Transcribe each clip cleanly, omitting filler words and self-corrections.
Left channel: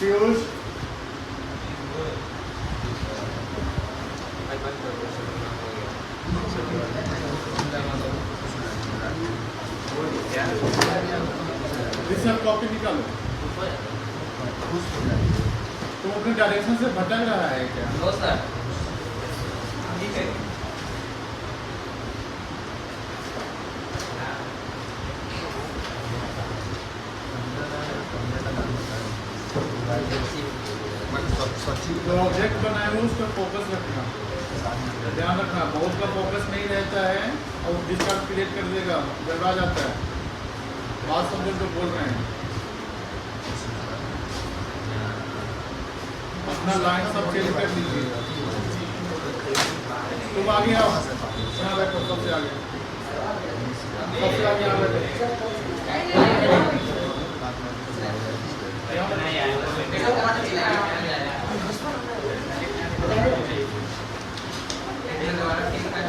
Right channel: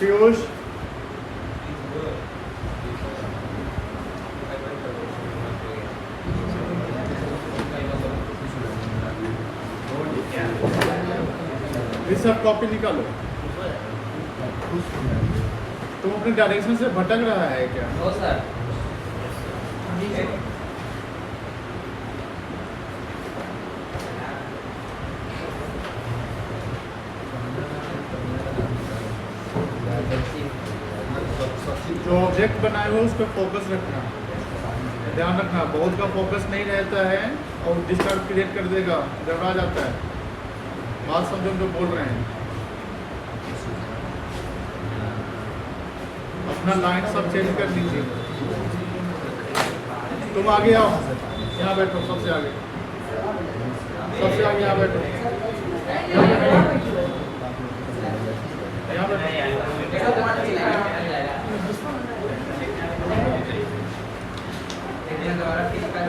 पीयूष ये सब कॉपी निकालो। तुम अपने डायरेक्शन से भटक रहा है क्या? No sir. जो ऑब्जेक्ट बनाए हो उस पर फोकस रखना, ध्यान रखना। बहुत का फोकस नहीं रहता है और डिस्टर्ब क्रिएट कर देगा, गड़बड़ा जाता है। बात समझो जो बोल रहे हैं। अपना लाइन सब चेंज कर लीजिए। तुम आगे आओ, यहाँ बैठो, सबसे आगे, सबसे आगे यहाँ बैठो।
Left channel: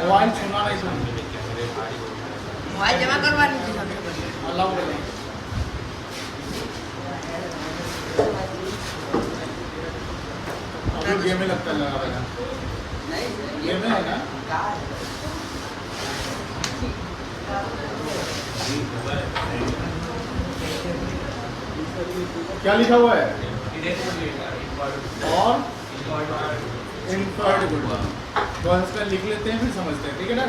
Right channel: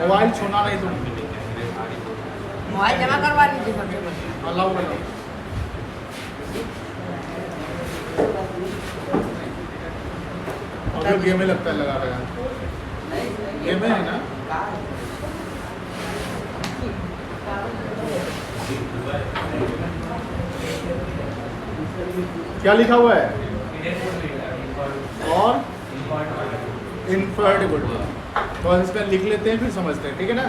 मोबाइल छूना नहीं, तुम मोबाइल जमा करवा लीजिए सबसे पहले। अलाउ करो। अब तो गेम में लगता है लगा रहा है, गेम में है ना। क्या लिखा हुआ है? और इंफर्ड गुड। तो इसका लिख लेते हैं, फिर समझते हैं, ठीक है ना?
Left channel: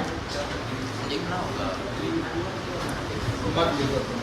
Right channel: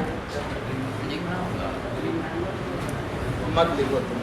मत लिखो तुम।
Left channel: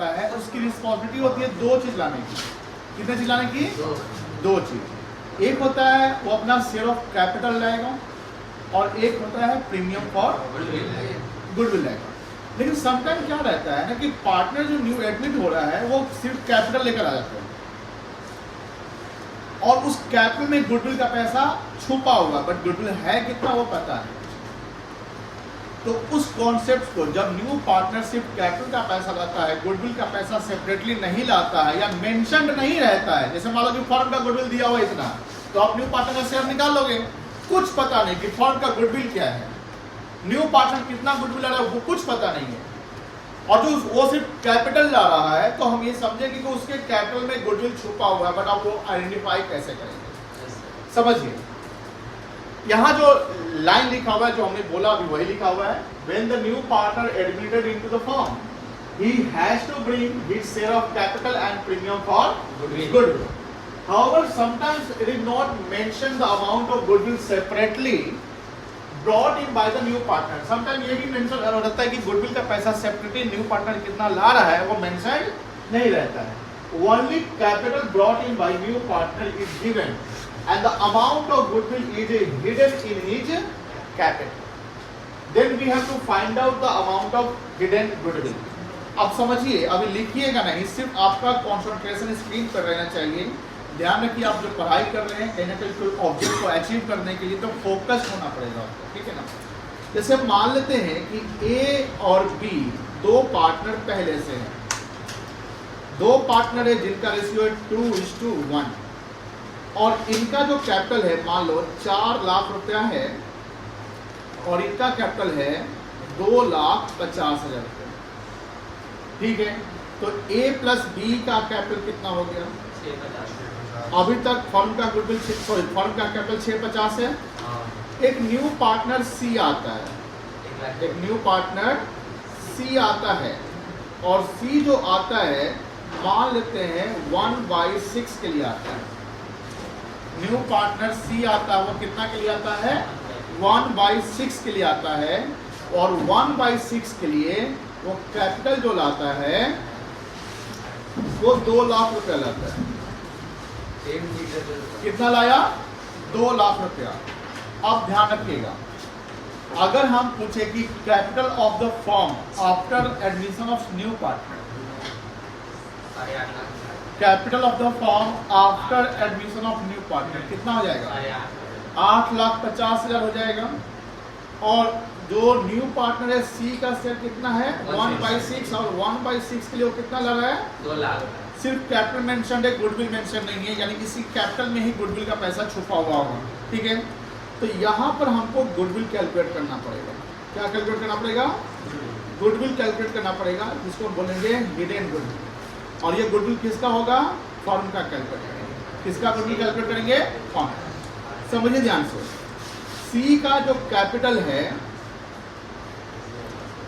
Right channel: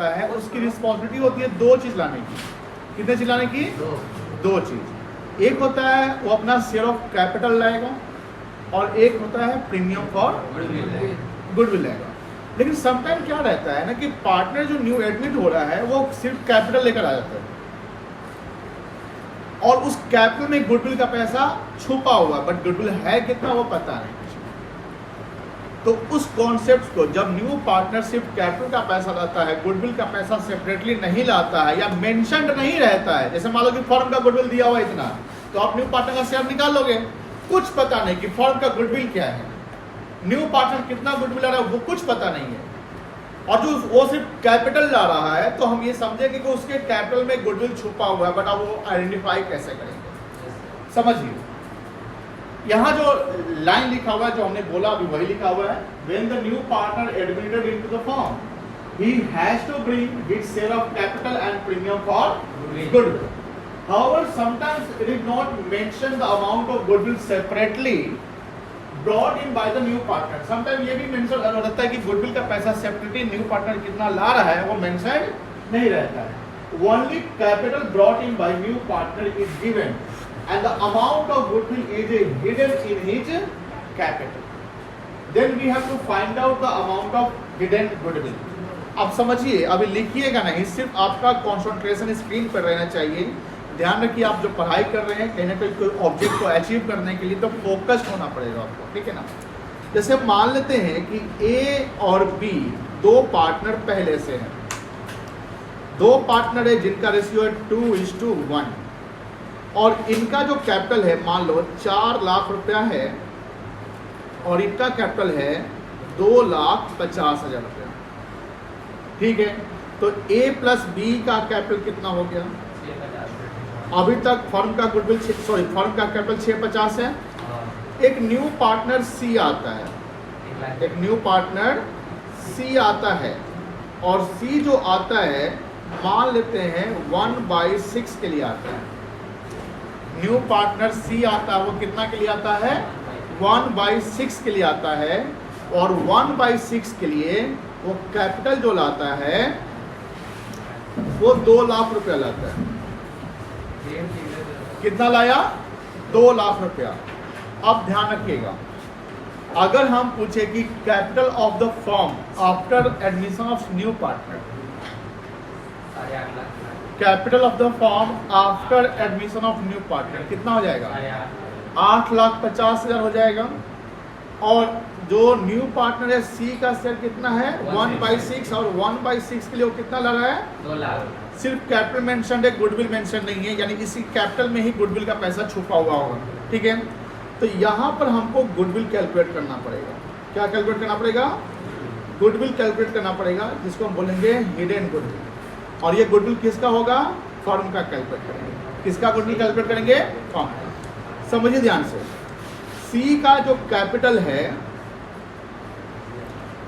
है, उसकी रिस्पॉन्सिबिलिटी होती है दो चीज लाने की। कितने चीज लाने की? दो चीज। एक होता है वो अपना शेयर ऑफ कैपिटल लाएगा और एक होता है प्रीमियम फॉर गुडविल लाएगा। लेकिन समटाइम क्या रहता है ना कि पार्टनर जो न्यू एडमिट हो रहा है वो सिर्फ कैपिटल लेकर आ जाता है और उस कैपिटल में गुडविल का पैसा छुपा हुआ है, बट गुडविल है कितना वो पता नहीं। तो उस कॉन्सेप्ट को जब न्यू पार्टनरशिप कैपिटल का पैसा लाता है, गुडविल का पैसा सेपरेटली नहीं लाता है या मेंशन्ड नहीं रहता है, जैसे मान लो कि फर्म का गुडविल दिया हुआ इतना, तो आप न्यू पार्टनर का शेयर निकाल लोगे, कुछ पता नहीं कि फर्म का गुडविल क्या है, न्यू पार्टनर कितना गुडविल ला रहा है वो कुछ पता नहीं है, और जो वो सिर्फ कैपिटल ला रहा है, तो हम ये समझेंगे कि उसके कैपिटल में गुडविल छुपा हुआ है, बट वो आइडेंटिफाई कैसे करेंगे। समझिए यहाँ जो लाइन लिखा हुआ है जो हमने बोला अभी वही लिखा हुआ है, when the new partner admitted into the firm he has to bring his share of capital and premium for goodwill. However, sometimes it is not mentioned the amount of goodwill separately brought in by the new partner. Sometimes ये भी mention रहता है कि goodwill का पैसा separately new partner कितना ला रहा है वो मेंशन नहीं रहता है। Only capital brought in by new partner is given and the amount of goodwill is hidden in his capital. Then we have to find out the amount of hidden goodwill. अब समझिए, अभी लिखिएगा नहीं, सिर्फ आपका कंसंट्रेशन स्क्रीन पर रहना चाहिए। ध्यान रखिए आप जो पढ़ाई कर रहे हैं कहीं ना कहीं कोई ऑब्जेक्ट को अचीव करने के लिए तो फोकस होना पड़ेगा आपको, ठीक है ना। जैसे मान लेते हैं कि ए और बी दो पार्टनर पहले से हैं, दो पार्टनर है जिनका रेशियो है 2:1 और इनका जो कैपिटल है मान लो 4 लाख रुपया है और इनका कैपिटल है 2,50,000 रुपया, ठीक है। तो ए प्लस बी का कैपिटल कितना हो गया? 650। अभी तक फर्म का गुडविल फर्म का कैपिटल 650 है। एक न्यू पार्टनर सी आता है, एक न्यू पार्टनर सी आता है और सी जो आता है मान लेते हैं 1/6 के लिए आता है। न्यू पार्टनर सी आता है वो कितना के लिए आता है? 1/6 के लिए आता है और 1/6 के लिए वो कैपिटल जो लाता है वो 2 लाख रुपया लाता है। कितना लाया? 2 लाख रुपया। अब ध्यान रखिएगा, अगर हम पूछे कि capital of the firm after admission of new partner, capital of the firm after admission of new partner कितना हो जाएगा? 8,50,000 हो जाएगा। और जो न्यू पार्टनर है सी का शेयर कितना है? 1/6 और 1/6 के लिए वो कितना लग रहा है? 2 लाख। सिर्फ कैपिटल मेंशन है, गुडविल मेंशन नहीं है, यानी इसी कैपिटल में ही गुडविल का पैसा छुपा हुआ होगा, ठीक है। तो यहाँ पर हमको गुडविल कैलकुलेट करना पड़ेगा। क्या कैलकुलेट करना पड़ेगा? गुडविल कैलकुलेट करना पड़ेगा, जिसको हम बोलेंगे हिडन गुडविल। और ये गुडविल किसका होगा? फर्म का कैलकुलेट करेंगे। किसका गुडविल कैलकुलेट करेंगे? फर्म। समझिए ध्यान से, सी का जो कैपिटल है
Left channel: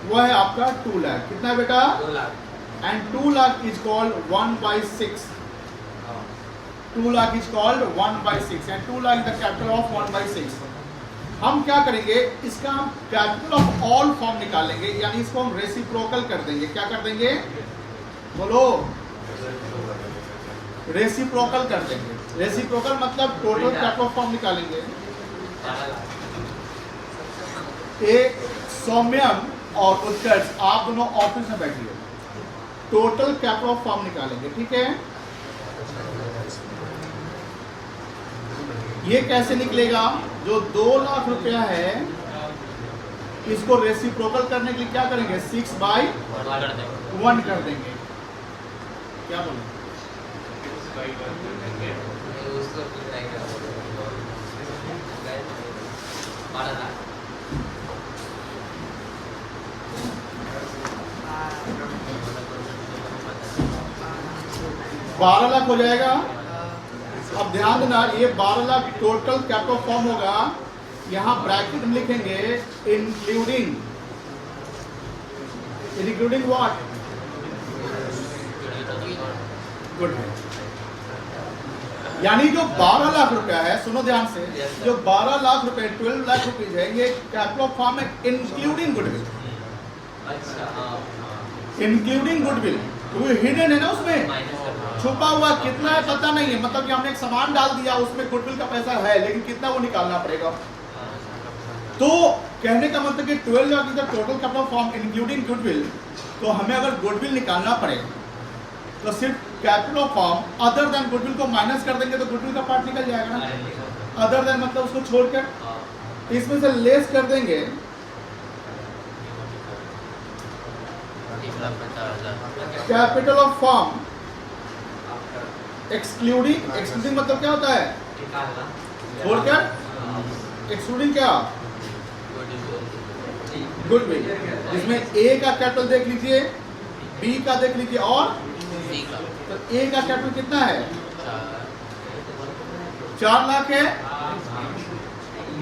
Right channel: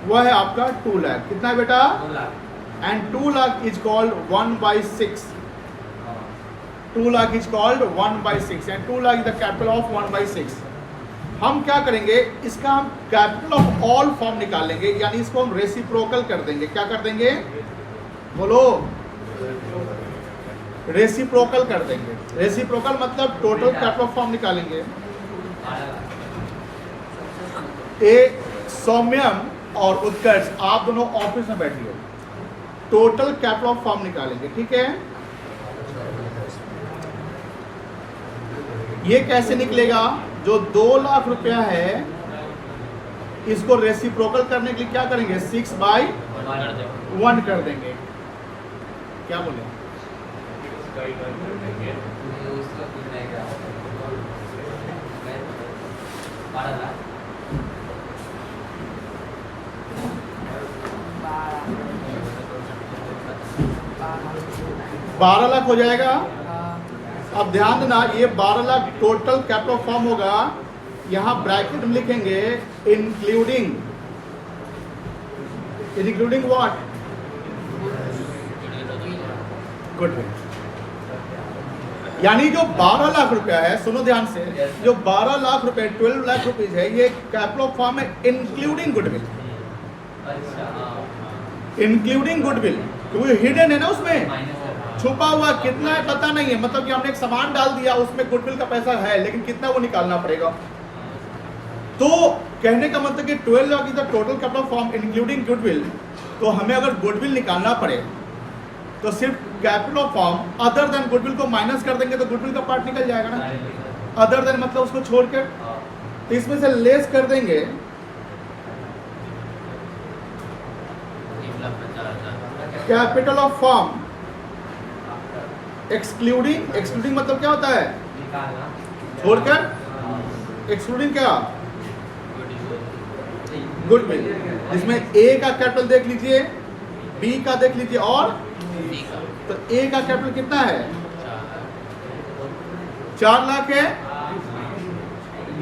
वह है आपका 2 लाख। कितना है बेटा? 2 lakh. And 2 lakh is called 1/6। 2 lakh is called 1/6 and 2 lakh is the capital of 1/6। हम क्या करेंगे, इसका हम कैपिटल ऑफ ऑल फॉर्म निकालेंगे, यानी इसको हम रेसिप्रोकल कर देंगे। क्या कर देंगे? बोलो। रेसिप्रोकल कर देंगे। रेसिप्रोकल मतलब टोटल कैपिटल ऑफ फॉर्म निकालेंगे। ए सौम्यम और उत्कर्ष आप दोनों ऑफिस में बैठिए, टोटल कैपिटल ऑफ फर्म निकालेंगे, ठीक है। ये कैसे निकलेगा? जो 2 लाख रुपया है इसको रेसिप्रोकल करने के लिए क्या करेंगे? 6/1 कर देंगे। क्या बोले? उसको कितना क्या? 12 लाख। 12 लाख हो जाएगा। अब ध्यान देना, ये 12 लाख टोटल कैपिटल फॉर्म होगा। यहाँ ब्रैकेट में लिखेंगे इंक्लूडिंग व्हाट? गुडविल। यानी जो 12 लाख रुपया है, सुनो ध्यान से, जो 12 लाख रुपए 12 लाख रुपीज है, ये कैपिटल ऑफ फॉर्म है इंक्लूडिंग गुडविल। अच्छा, हाँ। इंक्लूडिंग गुडविल, क्योंकि हिडन है ना उसमें। छुपा हुआ कितना है पता नहीं है, मतलब कि हमने एक सामान डाल दिया उसमें गुडविल का पैसा है लेकिन कितना वो निकालना पड़ेगा। तो कहने का मतलब कि 12 lakh is the total capital form including goodwill. तो हमें अगर गुडविल निकालना पड़े तो सिर्फ capital form other than goodwill को माइनस कर देंगे तो गुडविल का पार्ट निकल जाएगा ना। अदर देन मतलब उसको छोड़कर तो इसमें से लेस कर देंगे कैपिटल ऑफ फॉर्म एक्सक्लूडिंग मतलब क्या होता है छोड़कर, एक्सक्लूडिंग क्या गुडविल। इसमें ए का कैपिटल देख लीजिए, बी का देख लीजिए और तो ए का कैपिटल कितना है 4 लाख है,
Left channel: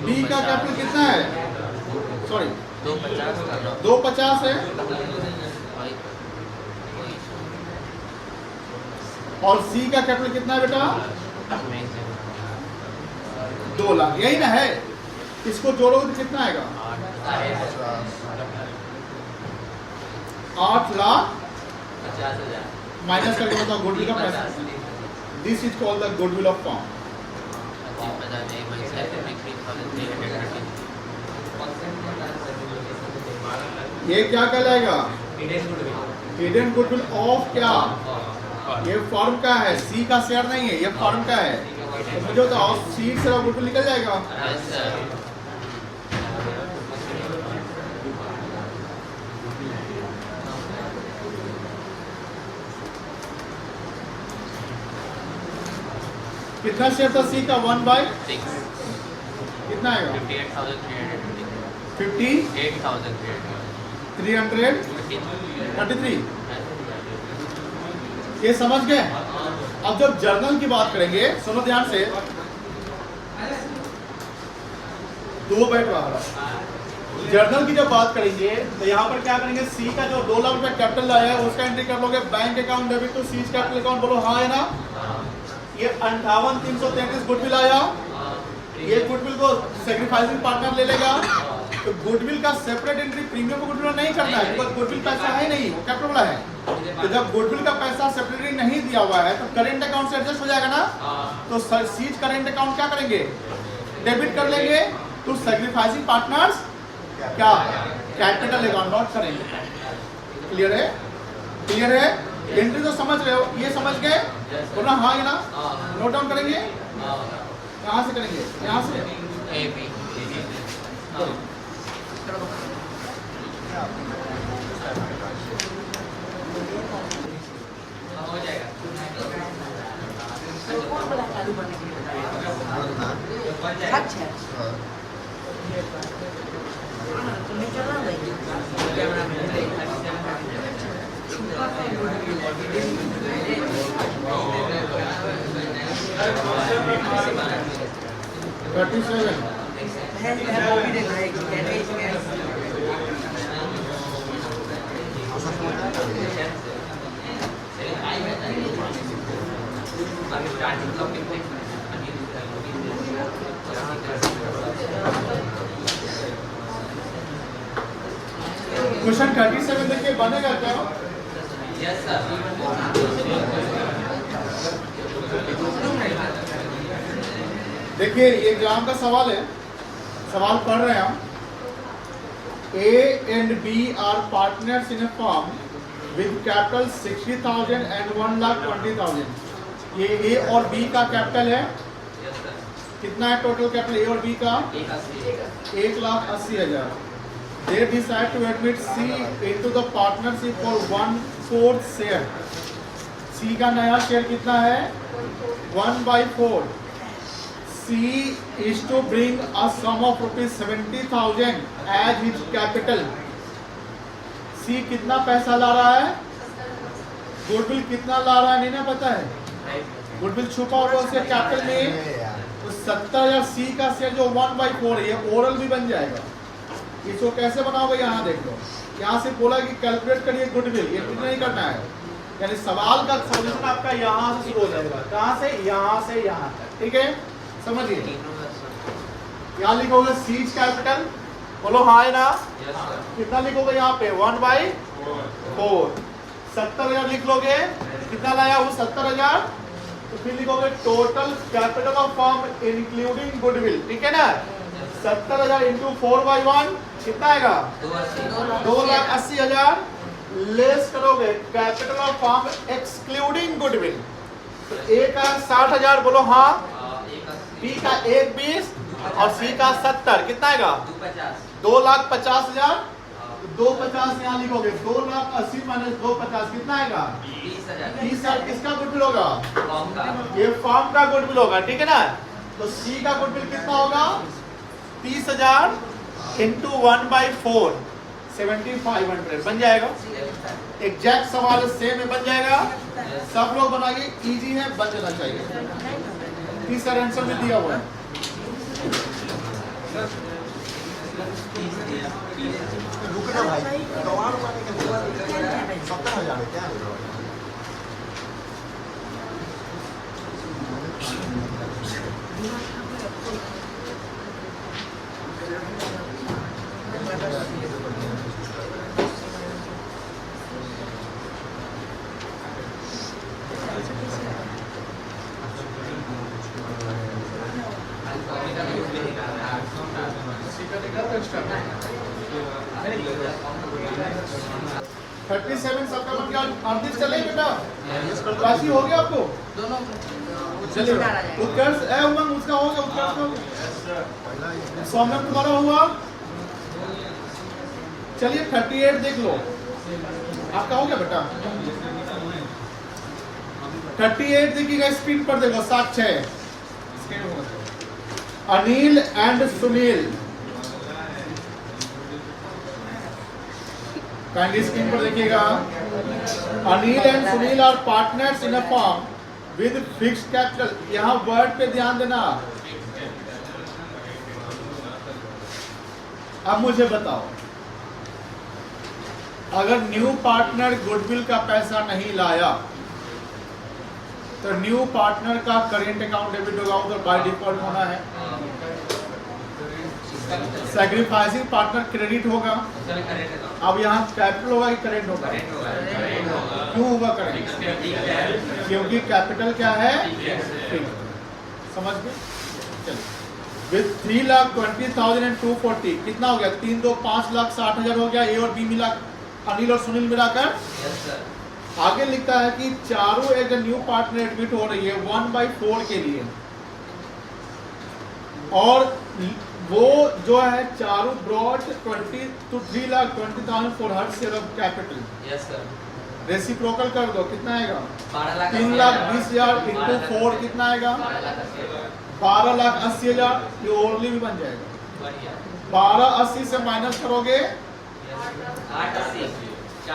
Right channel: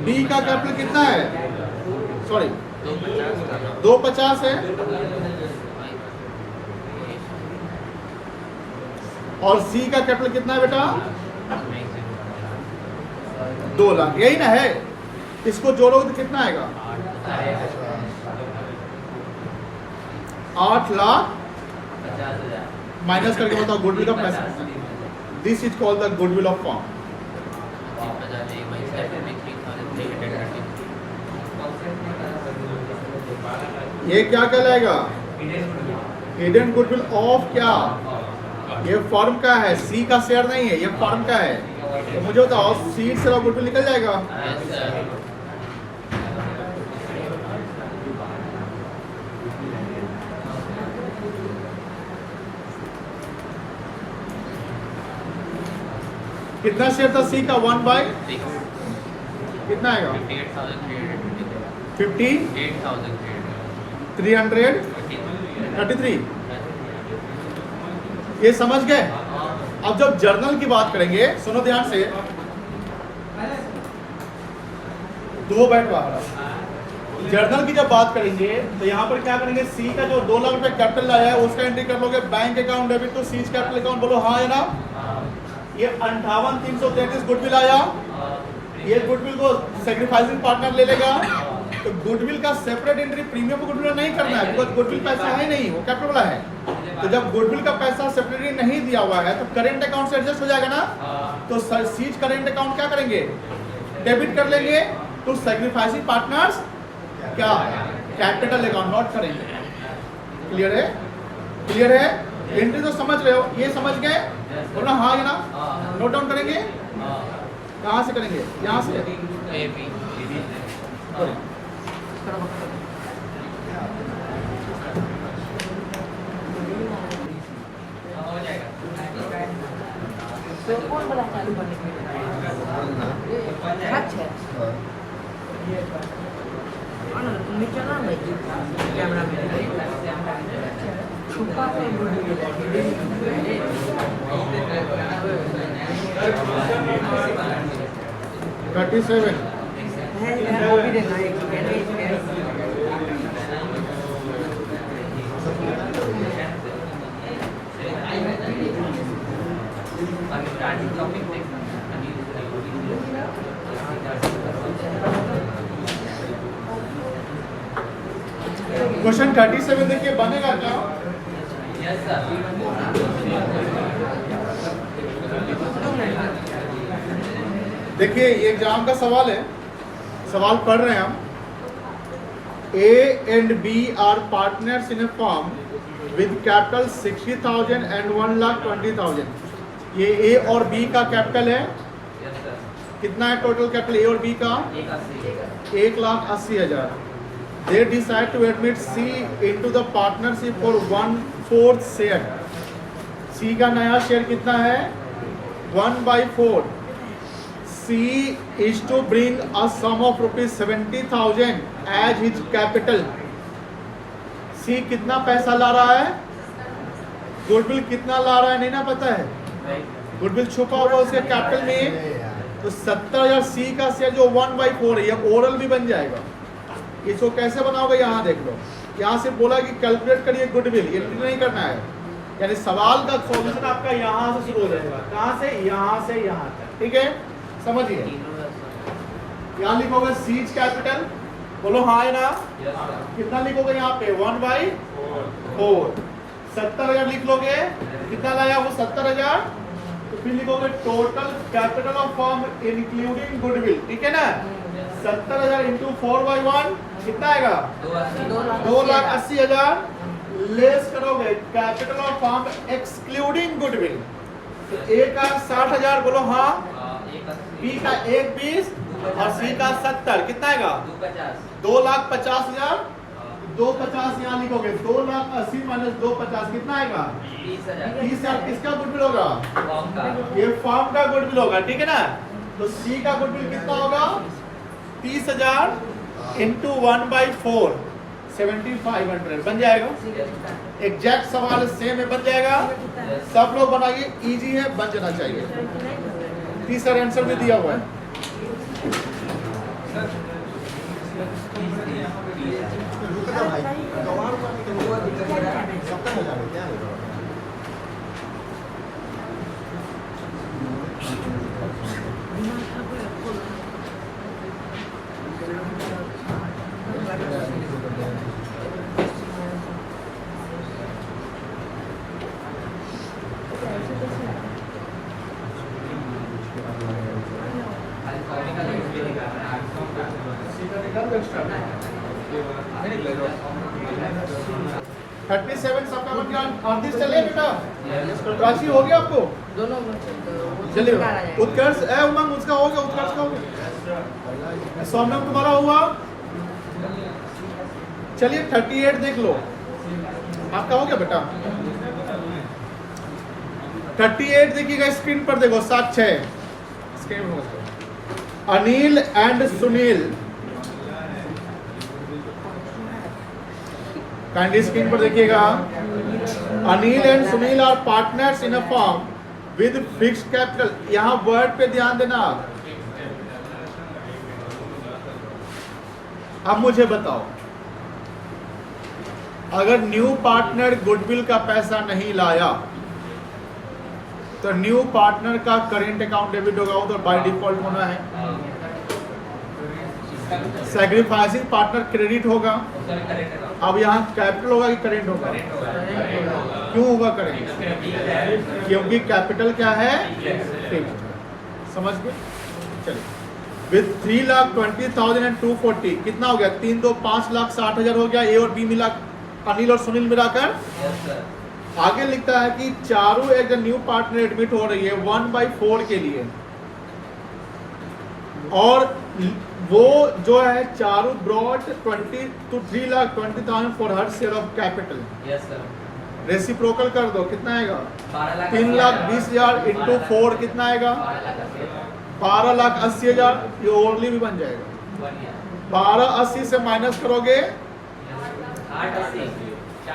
बी का कैपिटल कितना है सॉरी 250 है और सी का कैपिटल कितना है बेटा 2 लाख, यही ना है। इसको जोड़ोगे तो कितना आएगा 8 लाख माइनस करके बताओ गुडविल का पैसा। This is called the goodwill of form. ये क्या कहलाएगा हिडन गुडविल ऑफ क्या, ये फॉर्म का है, सी का शेयर नहीं है, ये फॉर्म का है। तो मुझे बताओ सी से गुडविल निकल जाएगा। कितना शेयर था सी का 1/6 कितना आएगा 58,333। ये समझ गए। अब जब जर्नल की बात करेंगे सुनो ध्यान से, 2 बैठ रहा जर्नल की जब बात करेंगे तो यहाँ पर क्या करेंगे सी का जो 2 लाख रुपए कैपिटल आया है उसका एंट्री कर लोगे bank account debit to C capital account, बोलो हाँ है ना। ये 58,333 गुडविल आया, ये गुडविल को सेक्रीफाइसिंग पार्टनर ले लेगा। तो गुडविल का सेपरेट एंट्री प्रीमियम गुडविल नहीं करना है बिकॉज गुडविल पैसा है नहीं, वो कैपिटल वाला है। तो जब गुडविल का पैसा सेपरेटली नहीं दिया हुआ है तो करेंट अकाउंट से एडजस्ट हो जाएगा ना। तो सीज करेंट अकाउंट क्या करेंगे डेबिट कर लेंगे तो सेक्रीफाइसिंग पार्टनर्स क्या कैपिटल अकाउंट नॉट करेंगे। क्लियर है, क्लियर है। एंट्री तो समझ रहे हो, ये समझ गए बोला हाँ या ना। नोट डाउन करेंगे कहाँ से करेंगे, यहाँ से कौन वाला चालू करने के लिए अच्छा तुम्हें चला भाई कैमरा में छुपा कर गुडविल है 37 है कॉपी देना है स्कैन क्वेश्चन 37 देखिए बनेगा क्या। Yes sir. देखिए ये एग्जाम का सवाल है, सवाल पढ़ रहे हैं हम। A and B are partners in a firm with capital 60,000 and 1,20,000। ये A और B का कैपिटल है, यस सर। कितना है टोटल कैपिटल A और B का 1,80,000। They decide to admit C into the partnership for 1/4 share। C का नया शेयर कितना है 1/4। C is to bring a sum of ₹70,000 as his capital। C कितना पैसा ला रहा है, गुडविल कितना ला रहा है नहीं ना पता है, गुडविल छुपा हुआ उसके कैपिटल में। तो 70,000 C का शेयर जो 1/4 है, ये ओरल भी बन जाएगा। इसको कैसे बनाओगे यहाँ देख लो, यहाँ से बोला कि कैलकुलेट करिए गुडविल, ये नहीं करना है। यानी सवाल का सॉल्यूशन आपका यहाँ से शुरू हो जाएगा, कहाँ से यहाँ तक, ठीक है समझिए। यहाँ लिखोगे सीज कैपिटल, बोलो हाँ है ना। Yes sir. कितना लिखोगे यहाँ पे 1/4। 70,000 लिख लोगे कितना लाया वो 70,000। तो फिर लिखोगे total capital of firm including goodwill, ठीक है ना। 70,000 इंटू 4/1 कितना आएगा 2,80,000। लेस करोगे capital of firm excluding goodwill, तो ए का 60,000 बोलो हाँ, बी का 1,20 और सी का 70, कितना आएगा 2,50,000। 250 यहाँ लिखोगे, 2,80,000 माइनस 250 कितना आएगा 30,000। किसका गुडविल होगा, ये फर्म का गुडविल होगा, ठीक है ना। तो सी का गुडविल कितना होगा 30,000 इंटू 1/4 7,500 बन जाएगा। एग्जैक्ट सवाल सेम है, बन जाएगा। सब लोग बनाइए, इजी है, बन जाना चाहिए। तीसरा आंसर भी दिया हुआ है। राशि हो गया आपको दोनों चलिए। उत्कर्ष है उमंग, उसका हो गया, उत्कर्ष का हो गया। सौम्यम तुम्हारा हुआ। चलिए 38 देख लो, आपका हो गया बेटा। 38 देखिएगा स्क्रीन पर, देखो 7-6 स्क्रीन हो। Anil and Sunil, kindly screen पर देखिएगा। Anil and Sunil are partners in a firm with fixed capital. यहां वर्ड पे ध्यान देना। अब मुझे बताओ, अगर न्यू पार्टनर गुडविल का पैसा नहीं लाया तो न्यू पार्टनर का करेंट अकाउंट डेबिट होगा, तो बाय डिफॉल्ट होना है। सैक्रिफाइसिंग पार्टनर क्रेडिट होगा। अब यहाँ कैपिटल होगा कि करेंट होगा? क्यों होगा करेंट? क्योंकि कैपिटल क्या है, समझ गए। चलिए, विद 3,20,000 and 240 कितना हो गया? 3 2 5,60,000 हो गया। ए और बी मिला, अनिल और सुनील मिलाकर। आगे लिखता है कि चारों एक न्यू पार्टनर एडमिट हो रही है 1/4 के लिए, और वो जो है चारों brought 20 to 3,20,000 for her share of capital. Reciprocal कर दो, कितना आएगा 3,20,000 इंटू 4 कितना आएगा 12,80,000। ये ओनली भी बन जाएगा। 12,80 से माइनस करोगे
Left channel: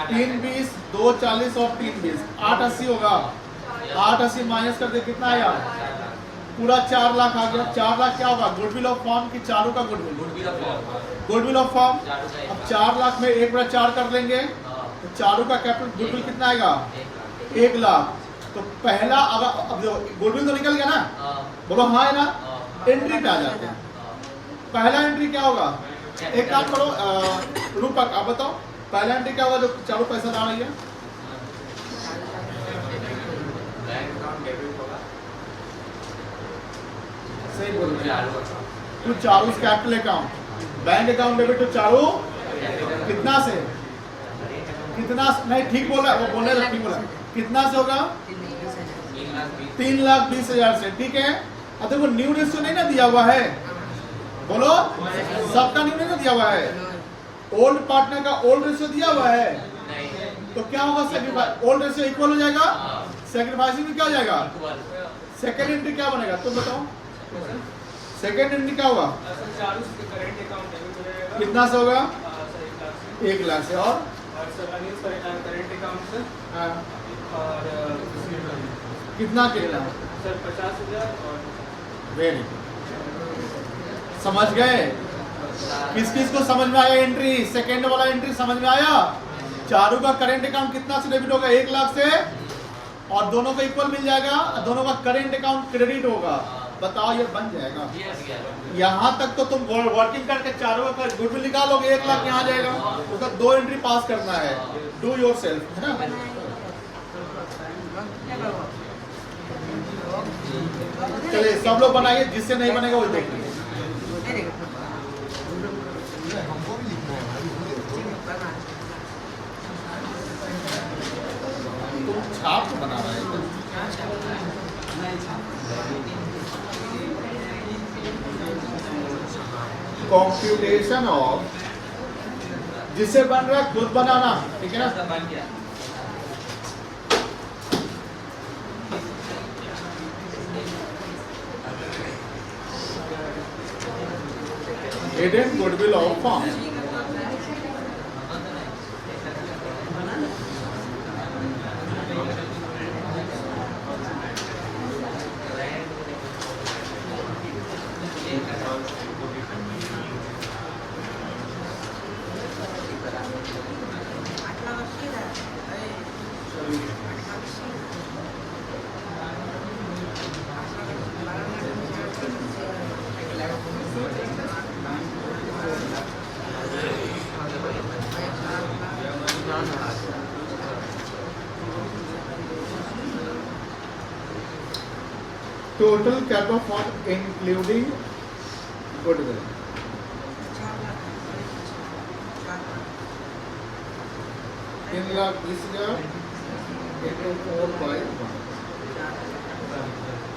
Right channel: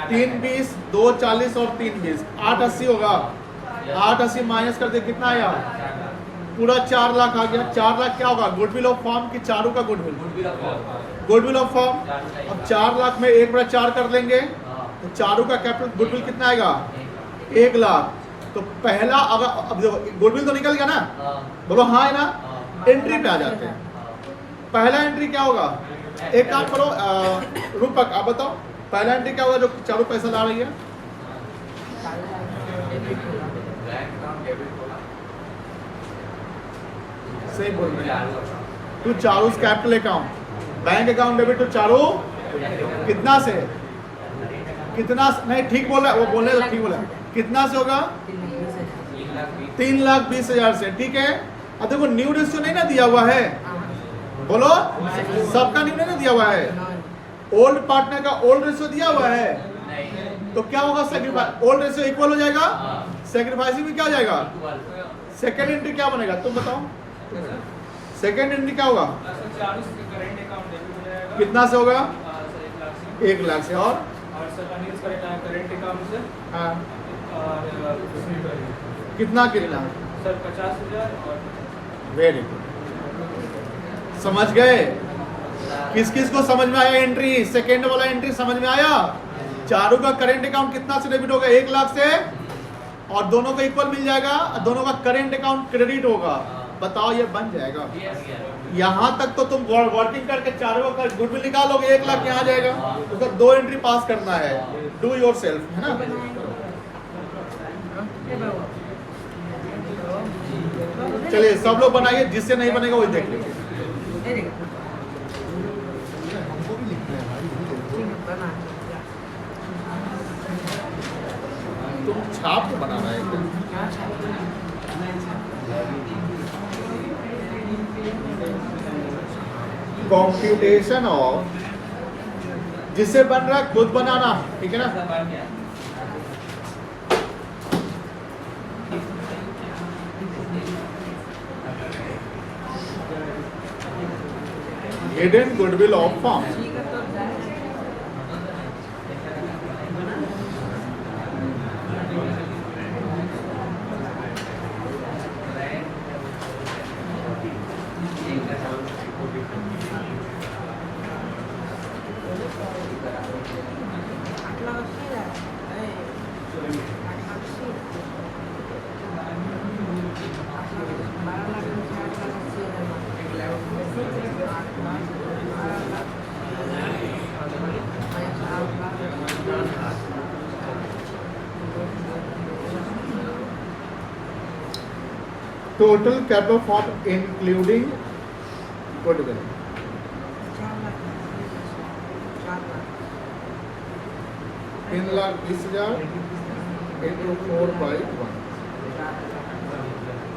3,20 2,40 और 3,20 8,80 होगा। 8,80 माइनस कर दे कितना आएगा? पूरा 4 लाख आ गया। 4 लाख क्या होगा? गुडविल ऑफ फर्म की, चारों का गुडविल, गुडविल ऑफ फर्म। अब 4 लाख में 1/4 कर लेंगे तो चारों का कैपिटल गुडविल कितना आएगा 1 लाख। तो पहला, अगर अब देखो गुडविल तो निकल गया ना, बोलो हाँ है ना। एंट्री पे आ जाते हैं। पहला एंट्री क्या होगा? एक काम करो रूपक, आप बताओ पहला एंट्री क्या होगा जो चारों पैसा ला रही है? सही बोल रहे हैं। तो चारों capital account, bank account debit तो चारों कितना से, कितना नहीं, ठीक बोल रहा है वो, बोल रहे तो ठीक बोला। कितना से होगा? 3,20,000 से, ठीक है। अब देखो न्यू रेशियो नहीं ना दिया हुआ है, बोलो सबका न्यू नहीं दिया हुआ है। ओल्ड पार्टनर का ओल्ड रेशियो दिया हुआ है, तो क्या होगा? सैक्रिफाइस, ओल्ड रेशियो इक्वल हो जाएगा, सैक्रिफाइसिंग में क्या हो जाएगा? सेकंड एंट्री क्या बनेगा तुम बताओ? सेकंड एंट्री क्या होगा? कितना से होगा? 1 लाख से। और हाँ कितना कितना? वेरी गुड, समझ गए। किस किस को समझ में आया एंट्री? सेकंड वाला एंट्री समझ में आया? चारों का करेंट अकाउंट कितना से डेबिट होगा? 1 लाख से, और दोनों का इक्वल मिल जाएगा, दोनों का करेंट अकाउंट क्रेडिट होगा। बताओ ये बन जाएगा। यहाँ तक तो तुम वर्किंग करके चारों का गुडविल निकालोगे, 1 लाख यहाँ जाएगा। उसका 2 एंट्री पास करना है, डू योर सेल्फ, है ना। चलिए सब लोग बनाइए, जिससे नहीं बनेगा वही देख लीजिए। तुम छाप के बना रहे हो कंप्यूटेशन ऑफ, जिससे बन रहा है खुद बनाना, ठीक है ना। ऐसा बन गया। Hidden goodwill of form, total capital form including goodwill, 3,20,000 into 4/1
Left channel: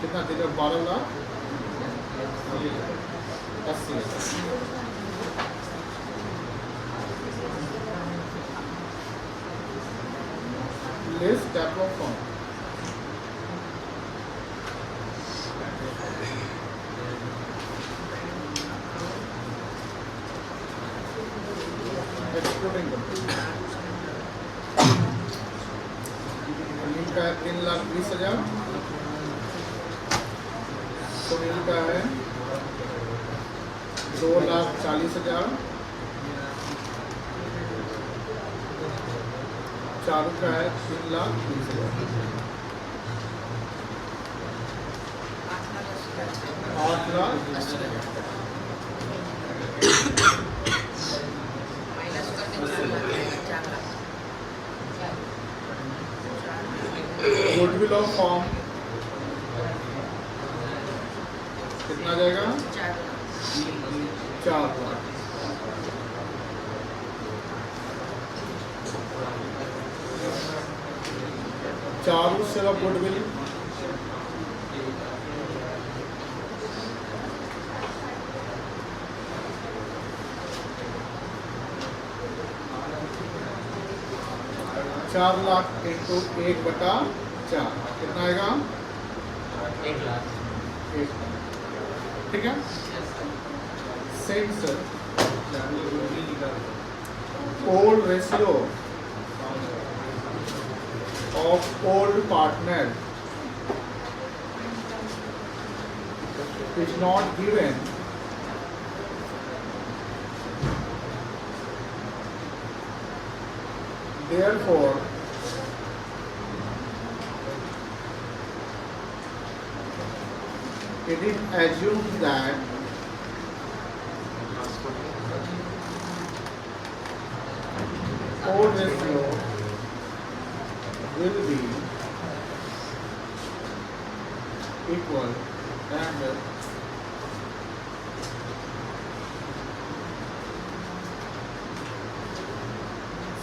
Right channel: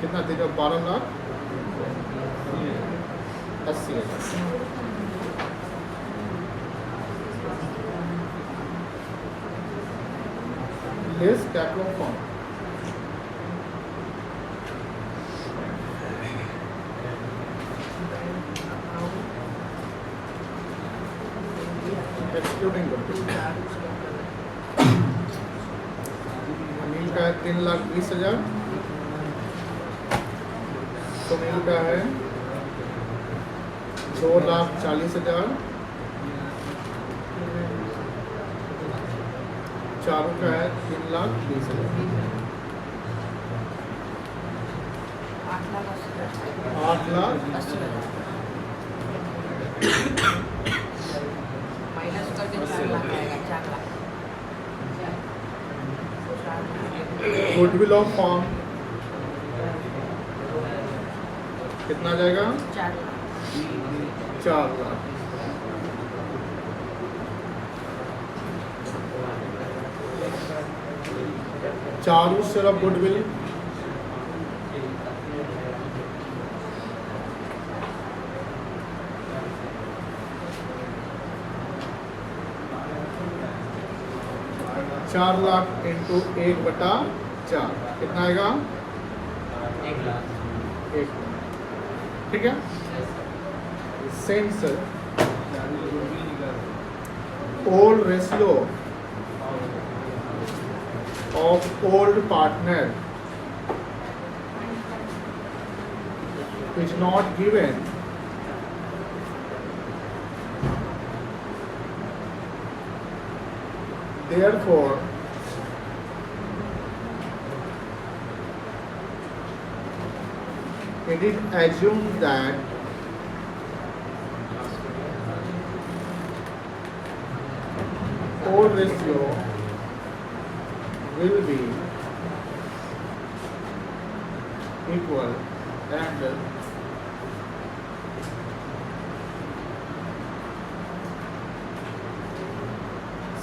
कितना देगा? 12,80,000। This capital form excluding goodwill, अमीन का है 3,20,000, सुनील का है 2,40,000, चारू का है 3,20,000, 8,80,000। गुडविल ऑफ फॉर्म कितना जाएगा? 4,00,000। चारू सिर्फ गुडविल, चार लाख इंटू 1/4 कितना आएगा? 1 लाख। 1 लाख, ठीक है। Same sir, old ratio of old partner is not given, therefore it is assumed that old ratio will be equal and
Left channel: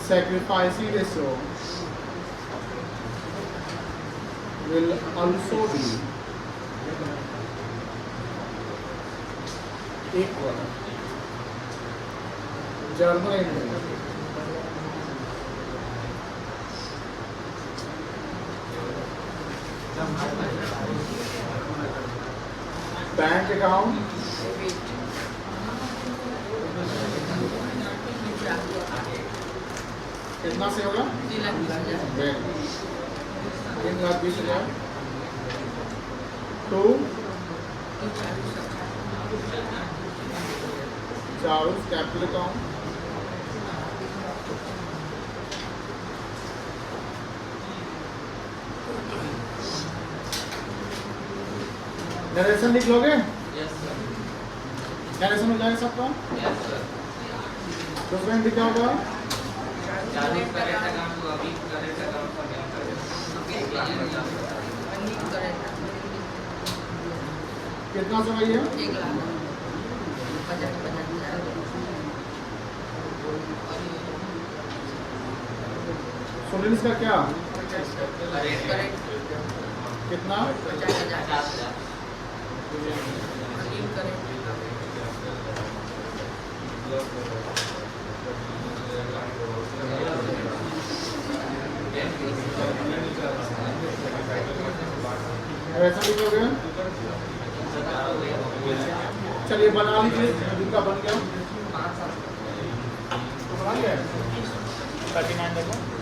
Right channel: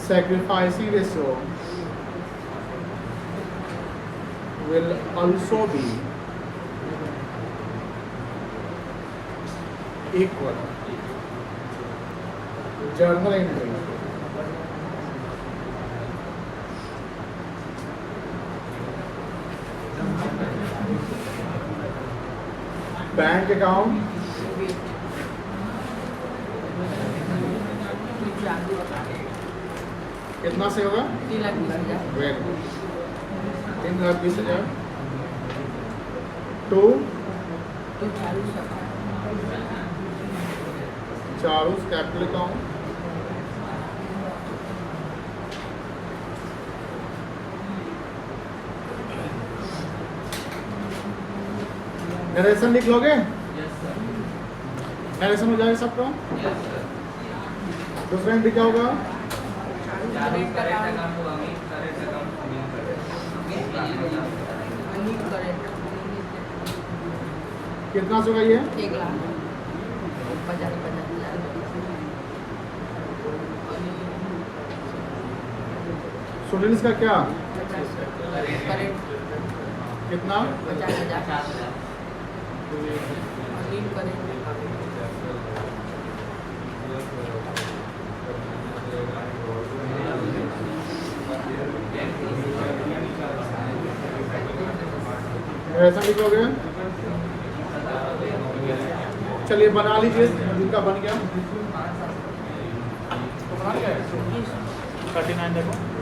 sacrificing ratio will also be equal. Journal entry. Bank account कितना से होगा? 3,20,000 to Charu capital account narration लिख लोगे? Yes sir. Narration हो जाएगा सबका? Yes sir. दूसरा हिंदी क्या होगा? चालू करेंट अकाउंट तो अभी करेंट अकाउंट सबमिट करें। बिल करेंट कितना सौ का ये 1 लाख 50,000 सोलिंस का क्या करेंट कितना 50,000 बिल करेंट ऐसा लिखोगे चलिए बना लीजिए जिनका बन गया 5 साल 39